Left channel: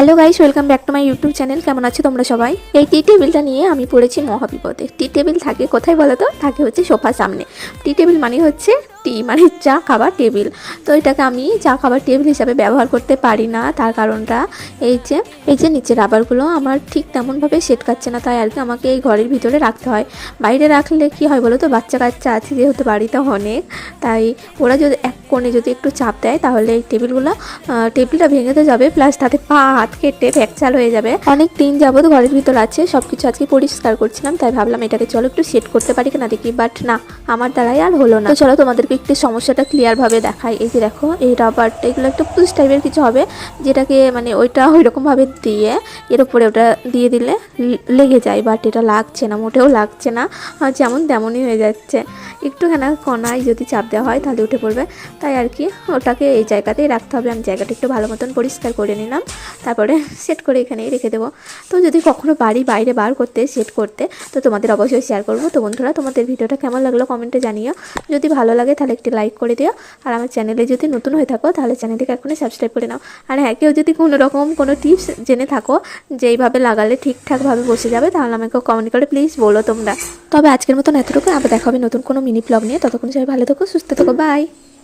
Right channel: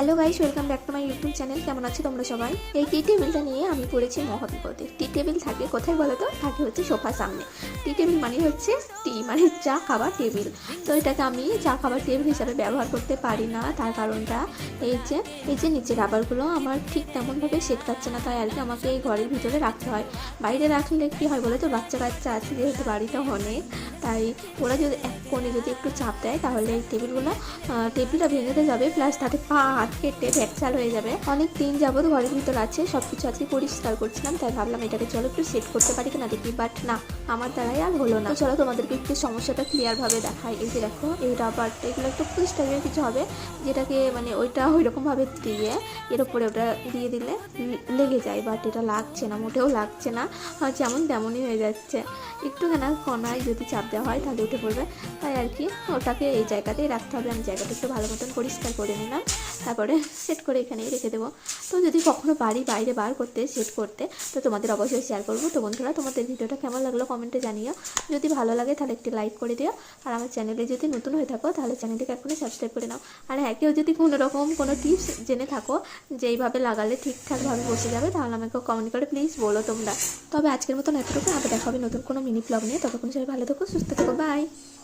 Hello guys, welcome back to my YouTube channel. কেমন আছো তোমরা সবাই? এই টি টেবিলটা নিয়ে আমি পড়েছি মহাবিপদে। টি টেবিল থাকে কোথায় বলো তো? থাকে হচ্ছে সোফার সামনে। টি টেবিল মানে হচ্ছে টি মানে চা খাবার টেবিল। তো এটাকে আমি চা খাবার টেবিল হিসাবে ব্যবহার করতে পারি না। তার কারণটা এই যে নিচের রাবারগুলো আমার ঠিক তেমনভাবে সেট খাচ্ছে না, তাই আর কি আমাকে এই ঘরের ভিতরে রাখতে হয়। বাইরে রাখলে কি হয় বলো তো, বাচ্চা কাচ্চা আছে যেহেতু বাড়িতে অনেক, তাই ওরা যদি এক কোণে যদি একটু চাপ দেয় তাহলে এই টেবিলটা ভেঙে তো যাবে, প্লাস তাতে পা হাত কেটে ফ্র্যাকচার হয়ে যাবে। অনেক দিন যাবত ঘরের ভিতর আছে, সবকিছু আজকে পরিষ্কার করছিলাম, তাই ভাবলাম এটাকে চলো একটু সেট করতে পারি কিনা দেখি, বাট না, আমার দ্বারাই আর হলো না। তো চলো তোমাদেরকে একটু সমস্যাটা ক্লিয়ার ভাবে দেখাই। এই যে দেখো, এই রাবারটা এগুলো একটা পুশ টাইপের কিছু হবে, যেটাকে মানে ওইটা ওইরকম ভাবে দিয়ে এর উপরে ওটা দিয়ে দিলে লেগে যায়, বাট এটা লাগছে না, মোটেও লাগছে না, যেমন তেমনই হয়ে যাচ্ছে। একটুখানা কোনায় যদি চাপ দেওয়া হয় তাহলে উঠে পড়বে, তাই আর কি ওটাকে এই জায়গাতেই রাখতে হবে। আমি জায়গাটা একটু ভালো মতন পরিষ্কার করে নিলাম, তারপরে সেট করে এখানেই রেখে দেবো। তো যদি কখনো বাড়ি বাইরে বার করতে সেট করতে, তো তোমাদের অবশ্যই শেয়ার করবো। তো বন্ধুরা, তোমাদের ভিডিওটা কেমন লাগলো কমেন্টে জানিও। যদি ভালো লাগে তাহলে একটি লাইক করে দিও, আর আমার চ্যানেলে যদি নতুন হয়ে থাকো তাহলে চ্যানেলটিকে এখনই সাবস্ক্রাইব করে নাও। আর হ্যাঁ, কেউ যদি কোনো রকম কোনো টিপস জেনে থাকো যে এইভাবে লাগালে ঠিকঠাকভাবে বসে যাবে, তাহলে আমাকে কমেন্ট করে প্লিজ বলো তোমরা। তবে আজকের মতন এতটুকু, আবার দেখা হবে নতুন কোনো মিনি ব্লগ নিয়ে। ততক্ষণ সবাই ভালো থাকো, সুস্থ থাকো, বাই।